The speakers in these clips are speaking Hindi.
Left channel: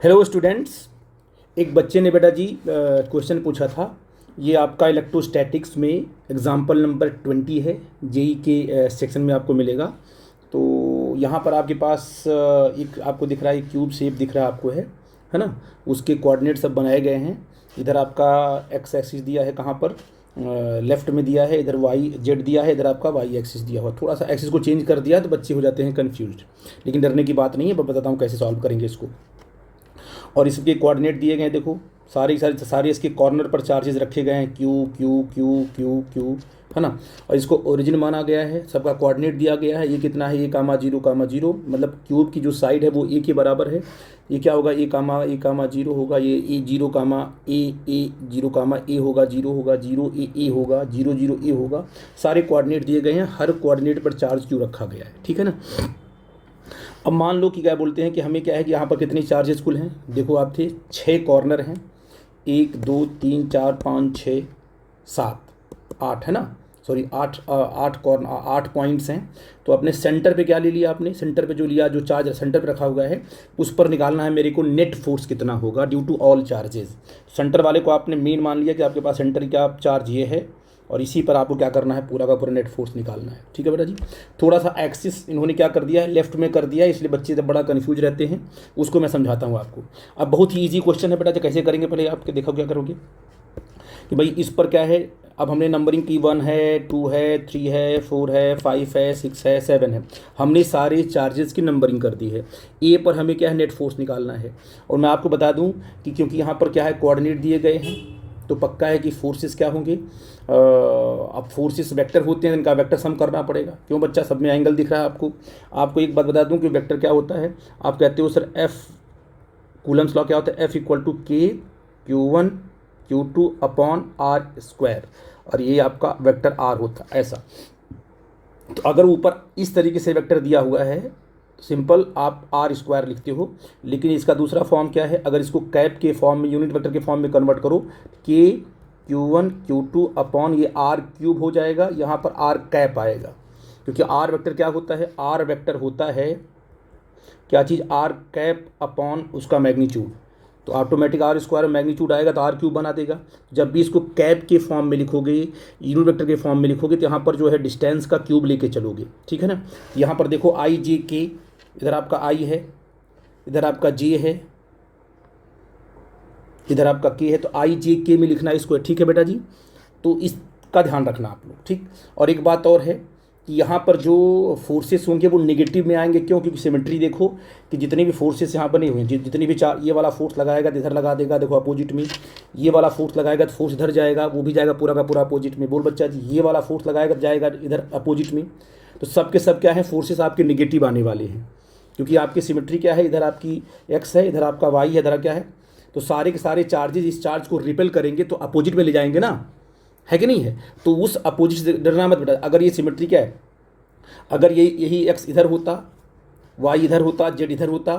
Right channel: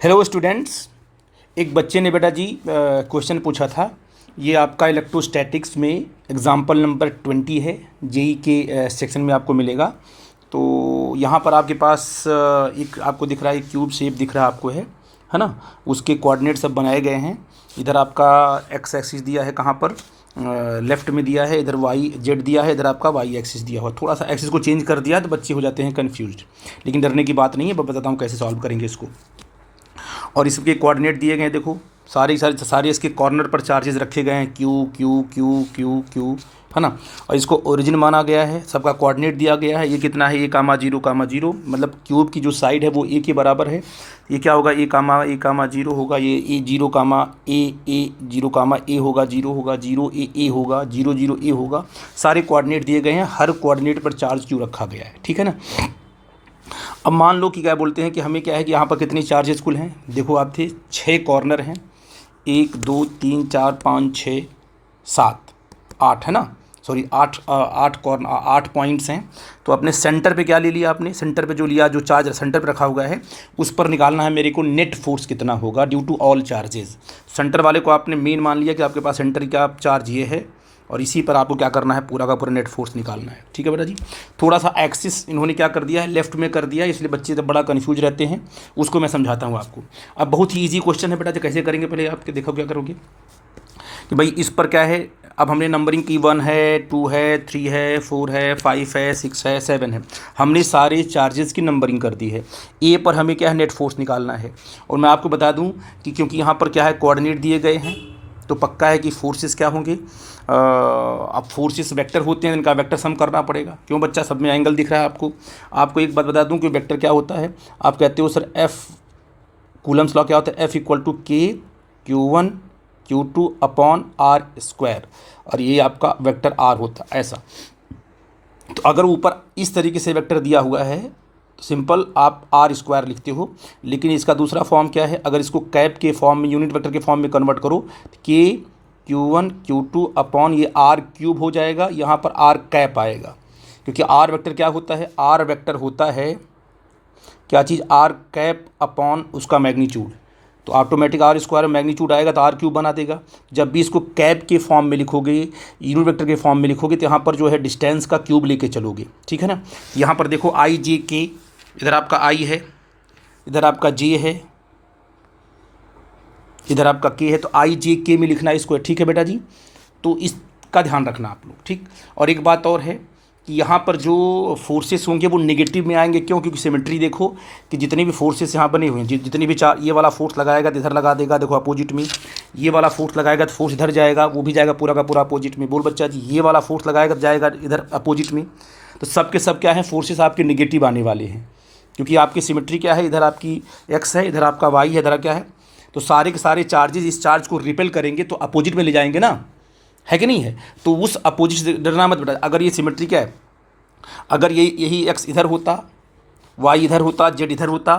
Hello students. एक बच्चे ने बेटा जी क्वेश्चन पूछा था। ये आपका इलेक्ट्रोस्टैटिक्स में एग्जाम्पल नंबर 20 है। जेई के सेक्शन में आपको मिलेगा। तो यहाँ पर आपके पास एक आपको दिख रहा है, एक क्यूब शेप दिख रहा है आपको, है ना। उसके कोऑर्डिनेट सब बनाए गए हैं। इधर आपका एक्स एक्सिस दिया है, कहाँ पर लेफ्ट में दिया है, इधर वाई जेड दिया है, इधर आपका वाई एक्सिस दिया हुआ। थोड़ा सा एक्सिस को चेंज कर दिया तो बच्चे हो जाते हैं कन्फ्यूज्ड, लेकिन डरने की बात नहीं है। मैं बताता हूँ कैसे सॉल्व करेंगे इसको। और इसके कोऑर्डिनेट दिए गए हैं, देखो सारे इसके कॉर्नर पर चार्जेस रखे गए हैं, Q Q Q Q Q, है ना। और इसको ओरिजिन माना गया है, सबका कोऑर्डिनेट दिया गया है। ये कितना है, A, 0, मतलब क्यूब की जो साइड है वो ए के बराबर है। ये क्या होगा, A, 0 होगा, ये A0, A0, A होगा, 0 A होगा, 0 A होगा। सारे कोऑर्डिनेट दिए गए हैं, हर कोऑर्डिनेट पर चार्ज क्यू रखा गया है, ठीक है ना। अब मान लो कि क्या बोलते हैं कि हमें क्या है कि यहाँ पर कितने चार्जेस कुल हैं। देखो आप थे 6 कॉर्नर हैं, 1 2 3 4 5 6 7 8, है ना। सॉरी 8 कॉर्नर 8 पॉइंट्स हैं। तो अपने सेंटर पे क्या ले लिया आपने, सेंटर पे जो लिया, जो चार्ज सेंटर पे रखा हुआ है उस पर निकालना है मेरे को नेट फोर्स कितना होगा due to all charges. Center वाले को आपने मेन मान लिया कि आपके पास सेंटर का चार्ज ये है, और इसी पर आपको क्या करना है, पूरा का पूरा नेट फोर्स निकालना है, ठीक है बेटा जी। थोड़ा सा एक्सिस इन्होंने क्या कर दिया है, लेफ्ट में कर दिया है, इसलिए बच्चे जब बड़ा कन्फ्यूज रहते हैं। उसको मैं समझाता हूँ आपको। अब बहुत ही ईजी क्वेश्चन है बेटा जी, कैसे करेंगे पहले आपके देखो क्या करोगे कि भाई इस पर क्या है। अब हमने नंबरिंग की 1 है, 2 है, 3 है, 4 है, 5 है, 6 है, 7 है। हमने सारे चार्जेस की नंबरिंग कर दी है। ए पर हमें क्या है, नेट फोर्स निकालना है। और मैं आपको बता दूं कि क्योंकि यहाँ पर क्या है, कोऑर्डिनेट दिए गए हैं, तो पक्का है कि फोर्सेस क्या होंगे। अब फोर्सेस वेक्टर होते हैं, इनका वेक्टर सम करना पड़ेगा। क्यों बच्चा, सब में एंगल दिख रहा है आपको। आपको एक बात बता दूं कि वेक्टर क्या होता है। आप कहते हो सर एफ, कूलम्स लॉ क्या होता है, एफ इक्वल टू के Q1 Q2 upon are square, और ये आपका वेक्टर आर होता है ऐसा। तो अगर ऊपर इस तरीके से वेक्टर दिया हुआ है तो सिंपल आप आर स्क्वायर लिखते हो। लेकिन इसका दूसरा फॉर्म क्या है, अगर इसको कैप के फॉर्म में, यूनिट वेक्टर के फॉर्म में कन्वर्ट करो, के Q1 Q2 अपॉन ये आर क्यूब हो जाएगा, यहाँ पर आर कैप आएगा। क्योंकि आर वेक्टर क्या होता है, आर वेक्टर होता है क्या चीज़, आर कैप अपॉन उसका मैग्नीट्यूड। तो ऑटोमेटिक आर स्क्वायर मैग्नीट्यूड आएगा तो आर क्यूब बना देगा। जब भी इसको कैप के फॉर्म में लिखोगे, यूनिट वेक्टर के फॉर्म में लिखोगे, तो यहाँ पर जो है डिस्टेंस का क्यूब लेके चलोगे, ठीक है ना। यहाँ पर देखो आई जे के, इधर आपका आई है, इधर आपका जे है, इधर आपका के है, तो आई जे के में लिखना है इसको, ठीक है बेटा जी। तो इसका ध्यान रखना आप लोग, ठीक। और एक बात और है कि यहाँ पर जो फोर्सेस होंगे वो नेगेटिव में आएंगे। क्यों, क्योंकि सिमेट्री देखो कि जितने भी फोर्सेस यहाँ बने हुए हैं, जितनी भी चार, ये वाला फोर्स लगाएगा तो इधर लगा देगा, देखो अपोजिट में। ये वाला फोर्स लगाएगा तो फोर्स इधर जाएगा, वो भी जाएगा पूरा का पूरा अपोजिट में। बोल बच्चा जी, ये वाला फोर्स लगाएगा तो जाएगा इधर अपोजिट में। तो सब के सब क्या है, फोर्सेस आपके नेगेटिव आने वाले हैं, क्योंकि आपकी सिमेट्री क्या है, इधर आपकी एक्स है, इधर आपका वाई है, इधर क्या है। तो सारे के सारे चार्जेस इस चार्ज को रिपेल करेंगे तो अपोजिट में ले जाएंगे ना, है कि नहीं है। तो उस अपोजिट से डरना मत बेटा। अगर ये सिमेट्री क्या है, अगर ये यही एक्स इधर होता, वाई इधर होता, जेड इधर होता,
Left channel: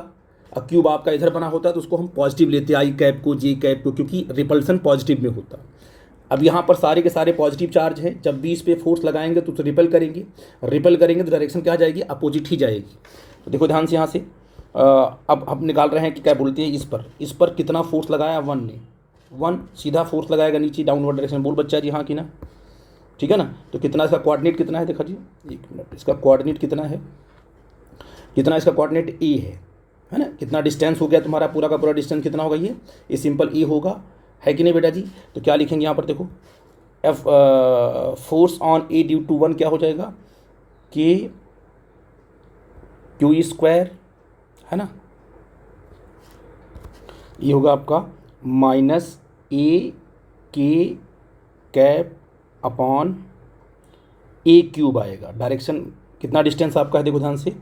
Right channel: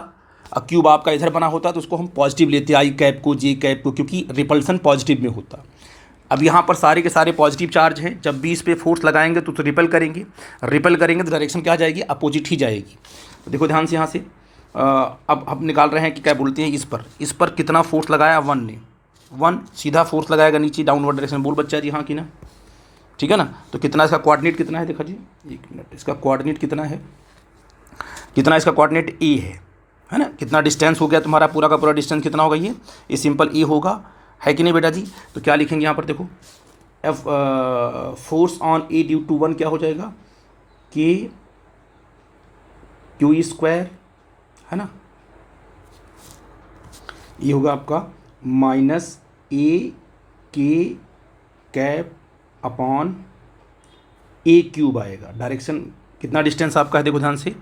और क्यूब आपका इधर बना होता, तो उसको हम पॉजिटिव लेते, आई कैप को, जे कैप को, क्योंकि रिपल्सन पॉजिटिव में होता। अब यहाँ पर सारे के सारे पॉजिटिव चार्ज है, जब भी इस पर फोर्स लगाएंगे तो रिपेल करेंगे, रिपेल करेंगे तो डायरेक्शन क्या जाएगी, अपोजिट ही जाएगी। तो देखो ध्यान से यहाँ से अब हम निकाल रहे हैं कि क्या बोलते हैं, इस पर कितना फोर्स लगाया, 1 ने, 1 सीधा फोर्स लगाएगा नीचे डाउनवर्ड डायरेक्शन। बोल बच्चा जी हाँ कि ना, ठीक है ना। तो कितना इसका कोऑर्डिनेट कितना है, देखा जी, एक मिनट, इसका कोऑर्डिनेट कितना है, कितना इसका कोऑर्डिनेट ए है ना। कितना डिस्टेंस हो गया तुम्हारा, पूरा का पूरा डिस्टेंस कितना होगा, ये सिंपल ए होगा, है कि नहीं बेटा जी। तो क्या लिखेंगे यहाँ पर देखो, F force on A due to 1 क्या हो जाएगा, के क्यू स्क्वायर, है ना। ये होगा आपका माइनस ए के कैप अपॉन ए क्यूब आएगा। डायरेक्शन कितना डिस्टेंस आपका है, देखो ध्यान से,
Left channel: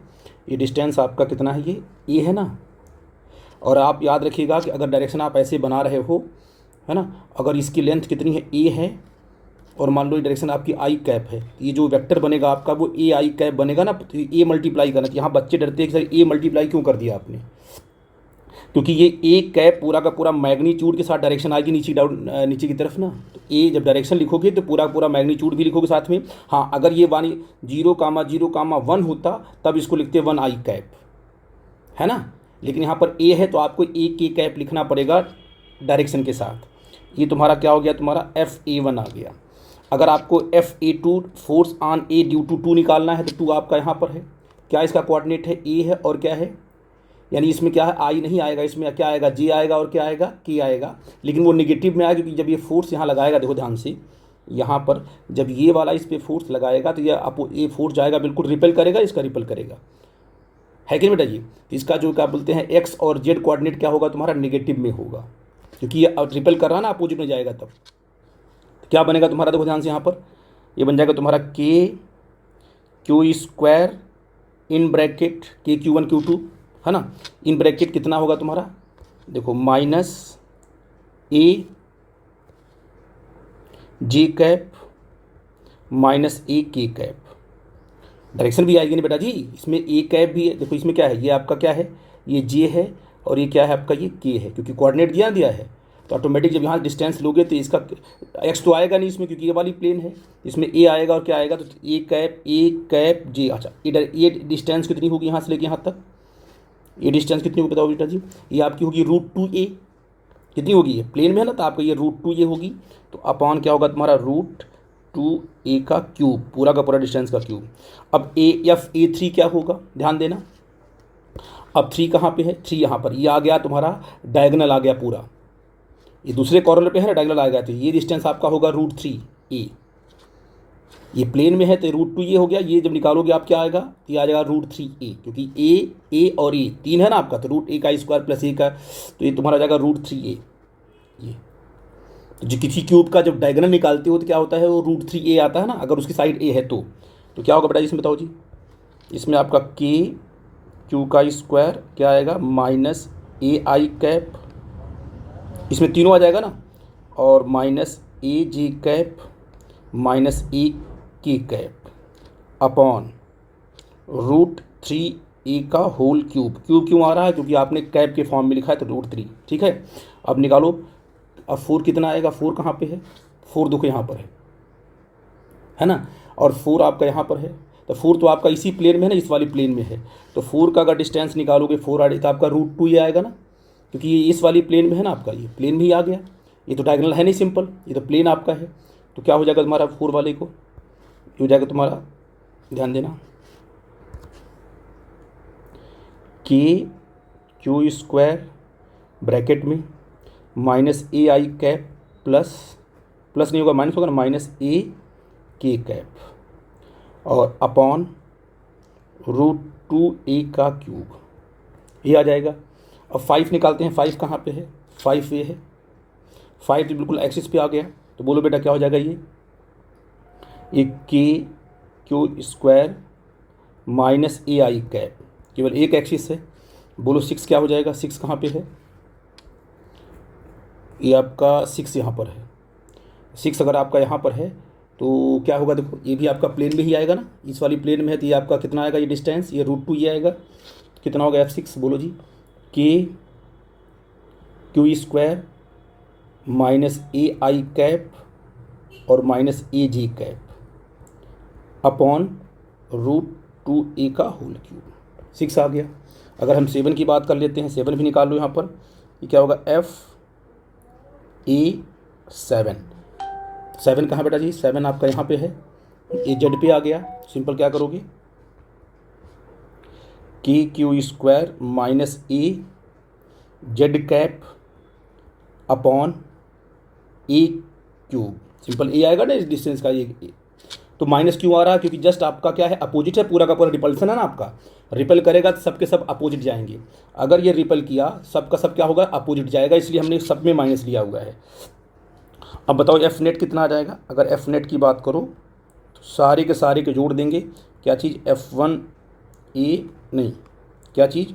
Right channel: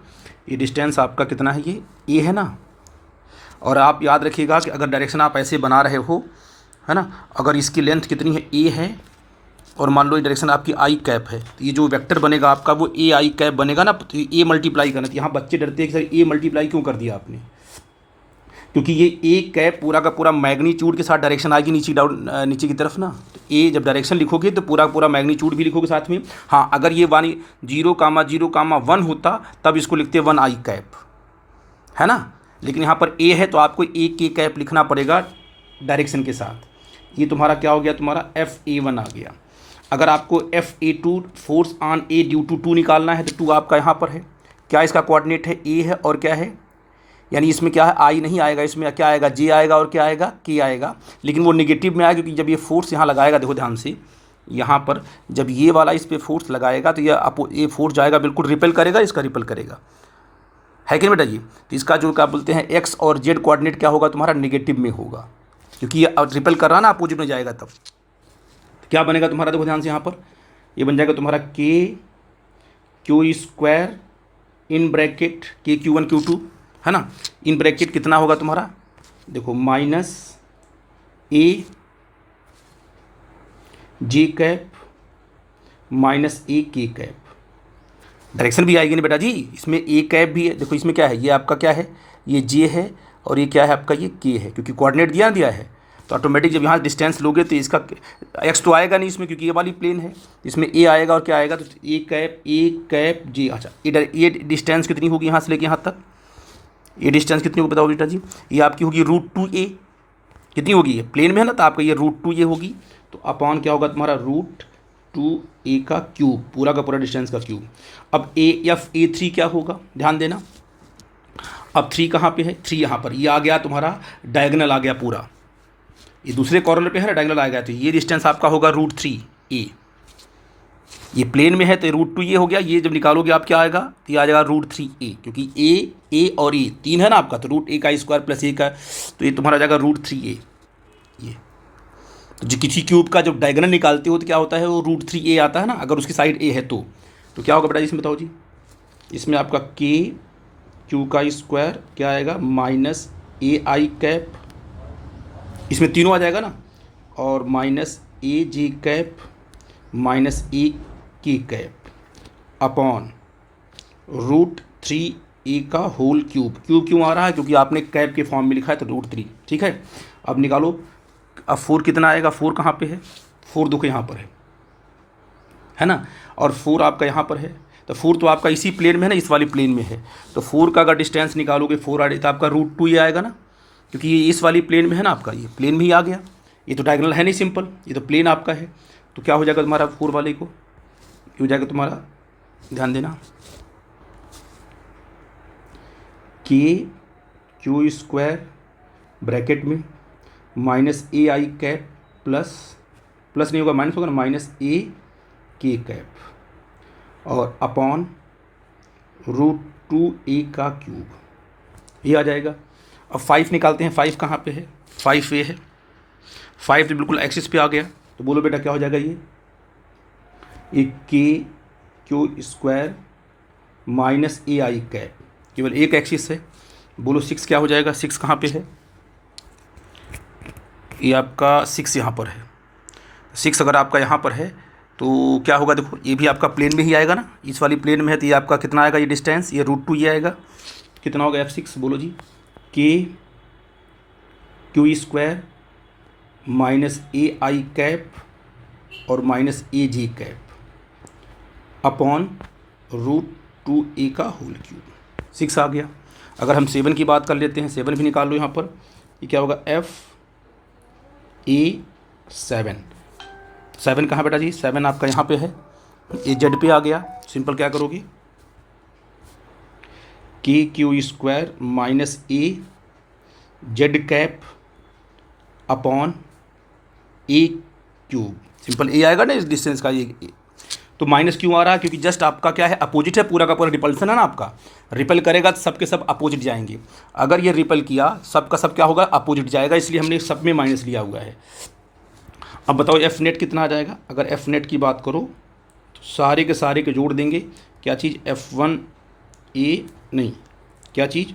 ये डिस्टेंस आपका कितना है, ये ए है ना। और आप याद रखिएगा कि अगर डायरेक्शन आप ऐसे बना रहे हो, है ना, अगर इसकी लेंथ कितनी है, ए है, और मान लो ये डायरेक्शन आपकी आई कैप है, तो ये जो वेक्टर बनेगा आपका वो ए आई कैप बनेगा ना। तो ए मल्टीप्लाई करना, तो यहाँ बच्चे डरते हैं कि सर ए मल्टीप्लाई क्यों कर दिया आपने, क्योंकि ये ए कैप पूरा का पूरा मैग्नीट्यूड के साथ डायरेक्शन आएगी नीचे डाउन, नीचे की तरफ ना। तो ए जब डायरेक्शन लिखोगे तो पूरा पूरा मैग्नीट्यूड भी लिखोगे साथ में। हाँ, अगर ये 0,0,1 होता तब इसको लिखते 1 आई कैप, है ना। लेकिन यहाँ पर ए है तो आपको ए के कैप लिखना पड़ेगा डायरेक्शन के साथ। ये तुम्हारा क्या हो गया, तुम्हारा FA1 आ गया। अगर आपको FA2 force on A due to 2 निकालना है तो 2 आपका यहाँ पर है, क्या इसका कोऑर्डिनेट है, ए है और क्या है, यानी इसमें क्या है, आई नहीं आएगा, इसमें क्या आएगा, जे आएगा और क्या आएगा, के आएगा। लेकिन वो नेगेटिव में आएगा क्योंकि जब ये फोर्स यहाँ लगाएगा, देखो ध्यान से, यहाँ पर जब ये वाला इस पर फोर्स लगाएगा तो ये फोर्स जाएगा बिल्कुल रिपेल करेगा, इसका रिपेल करेगा, है कि नहीं बेटा जी। तो इसका जो क्या बोलते हैं एक्स और जेड कोऑर्डिनेट क्या होगा तुम्हारा, निगेटिव में होगा, क्योंकि ये रिपेल कर रहा है ना, अपोजिट में जाएगा तब। तो क्या बनेगा तुम्हारा, देखो ध्यान से, यहाँ पर ये बन जाएगा तुम्हारा KQ² in bracket KQ1 Q2 है ना, इन ब्रैकेट कितना होगा तुम्हारा, देखो -A J cap -A K cap. Direction भी आएगी ना बेटा जी, इसमें A कैप भी है, देखो इसमें क्या है, ये आपका क्या है, ये J है और ये क्या है आपका, ये K है, क्योंकि कोऑर्डिनेट दिया है तो ऑटोमेटिक जब यहाँ डिस्टेंस लोगे तो इसका x तो आएगा नहीं इसमें, क्योंकि ये वाली प्लेन है, इसमें A आएगा और क्या आएगा, तो A कैप J। अच्छा ये डिस्टेंस कितनी होगी यहाँ से लेके यहाँ तक, ये डिस्टेंस कितनी होगी बताओ बेटा जी, ये आपकी होगी √2a, कितनी होगी, ये प्लेन में है ना, तो आपका ये √2a होगी, तो अपॉन क्या होगा तुम्हारा √2a का क्यूब, पूरा का पूरा डिस्टेंस का क्यूब। अब FA3 क्या होगा, ध्यान देना, अब 3 कहाँ पे है, 3 यहाँ पर, ये आ गया तुम्हारा डायगोनल आ गया पूरा, ये दूसरे कॉर्नर पे है ना, डायगोनल आ गया, तो ये डिस्टेंस आपका होगा √3a, ये प्लेन में है तो √2a हो गया, ये जब निकालोगे आप क्या आएगा, तो ये आ जाएगा √3a, क्योंकि a और a 3 है ना आपका, तो √a² + a का, तो ये तुम्हारा जाएगा √3a। ये तो जो किसी क्यूब का जब डायगोनल निकालते हो तो क्या होता है, वो √3a आता है ना, अगर उसकी साइड a है तो क्या होगा बेटा इसमें बताओ जी, इसमें आपका KQ² क्या आएगा -AI कैप, इसमें तीनों आ जाएगा ना, और -AJ cap -A K cap upon √3a का होल क्यूब। क्यूब क्यों आ रहा है, क्योंकि आपने कैप के फॉर्म में लिखा है तो √3, ठीक है। अब निकालो, अब 4 कितना आएगा, 4 कहाँ पे है, 4 देखो यहाँ पर है ना, और 4 आपका यहाँ पर है, तो 4 तो आपका इसी प्लेन में है ना, इस वाली प्लेन में है, तो 4 का अगर डिस्टेंस निकालोगे 4 आ तो आपका √2 आएगा ना, क्योंकि ये इस वाली प्लेन में है ना आपका, ये प्लेन में ही आ गया, ये तो डायगोनल है नहीं सिंपल, ये तो प्लेन आपका है, तो क्या हो जाएगा तुम्हारा 4 वाले को, ये हो जाएगा तुम्हारा, ध्यान देना, KQ² ब्रैकेट में -AI कैप प्लस नहीं होगा, माइनस होगा ना, -A K कैप और अपॉन √2a का क्यूब, ये आ जाएगा। अब 5 निकालते हैं, 5 कहाँ पे है, 5 ये है, 5 तो बिल्कुल एक्सिस पे आ गया, तो बोलो बेटा क्या हो जाएगा, ये KQ² -AI कैप, केवल एक एक्सिस है, बोलो 6 क्या हो जाएगा, 6 कहाँ पे है, ये आपका 6 यहाँ पर है, 6 अगर आपका यहाँ पर है तो क्या होगा, देखो ये भी आपका प्लेन में ही आएगा ना, इस वाली प्लेन में है, तो ये आपका कितना आएगा, ये डिस्टेंस, ये √2 ये आएगा, कितना होगा F6, बोलो जी, KQ² -AI कैप और -AJ कैप अपॉन √2a का होल क्यूब, 6 आ गया। अगर हम 7 की बात कर लेते हैं, 7 भी निकाल लो यहाँ पर, ये क्या होगा, FA7, 7 कहाँ बेटा जी, 7 आपका यहाँ पे है, ये जेड पे आ गया, सिंपल क्या करोगे, KQ² -A Z cap upon A cube, simple A आएगा ना इस डिस्टेंस का, ये तो माइनस क्यों आ रहा है, क्योंकि जस्ट आपका क्या है, अपोजिट है, पूरा का पूरा रिपल्सन है ना आपका, रिपेल करेगा तो सब के सब अपोजिट जाएंगे, अगर ये रिपेल किया सब का सब क्या होगा, अपोजिट जाएगा, इसलिए हमने सब में माइनस लिया हुआ है। अब बताओ एफ नेट कितना आ जाएगा, अगर एफ नेट की बात करो तो सारे के जोड़ देंगे, क्या चीज़, F1A नहीं, क्या चीज़,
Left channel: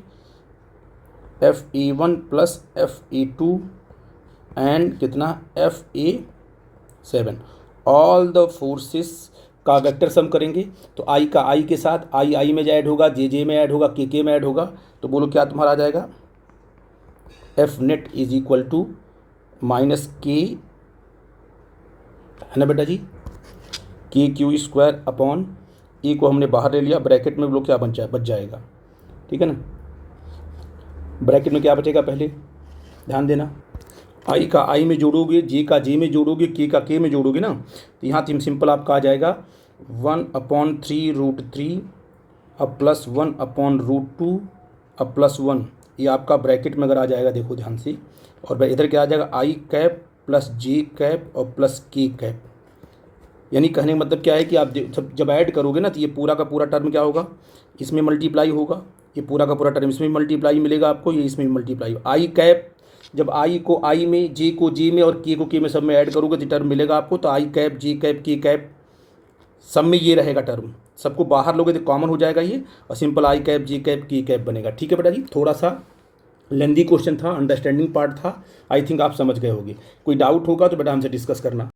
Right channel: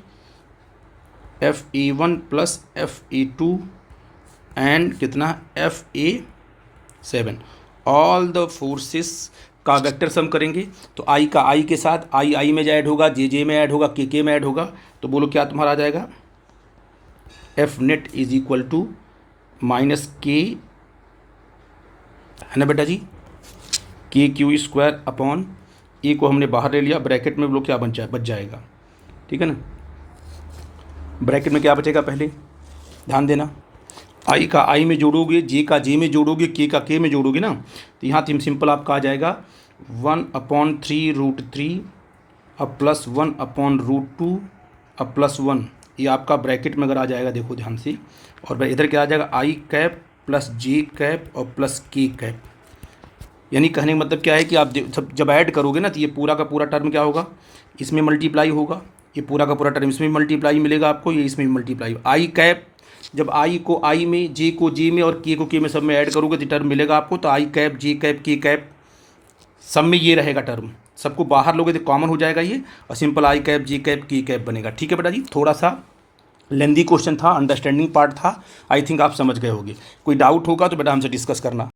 FA1 + FA2 एंड कितना, FA7, ऑल द फोर्सेस का वेक्टर सम करेंगे, तो आई का आई के साथ, आई में ऐड होगा, जे में ऐड होगा, के में ऐड होगा, तो बोलो क्या तुम्हारा आ जाएगा, F net is equal to -K, है ना बेटा जी, KQ² अपॉन ए को हमने बाहर ले लिया, ब्रैकेट में बोलो क्या बच जाएगा, ठीक है ना, ब्रैकेट में क्या बचेगा पहले ध्यान देना, आई का आई में जोड़ोगे, जे का जे में जोड़ोगे, के का के में जोड़ोगे ना, तो यहाँ तो सिंपल आपका आ जाएगा 1/3√3 अब प्लस 1/√2 अब प्लस 1, ये आपका ब्रैकेट में अगर आ जाएगा देखो ध्यान से, और इधर क्या आ जाएगा आई कैप प्लस जे कैप और प्लस के कैप। यानी कहने का मतलब क्या है कि आप जब ऐड करोगे ना तो ये पूरा का पूरा टर्म क्या होगा, इसमें मल्टीप्लाई होगा, ये पूरा का पूरा टर्म इसमें मल्टीप्लाई मिलेगा आपको, ये इसमें मल्टीप्लाई। आई कैप जब आई को आई में, जे को जे में और के को के में सब में ऐड करोगे तो टर्म मिलेगा आपको, तो आई कैप जे कैप के कैप सब में ये रहेगा टर्म, सबको बाहर लोगे तो कॉमन हो जाएगा ये, और simple I cap J cap के कैप बनेगा। ठीक है बेटा जी, थोड़ा सा लेंदी क्वेश्चन था, अंडरस्टैंडिंग पार्ट था, आई थिंक आप समझ गए होंगे। कोई डाउट होगा तो बेटा हमसे डिस्कस करना।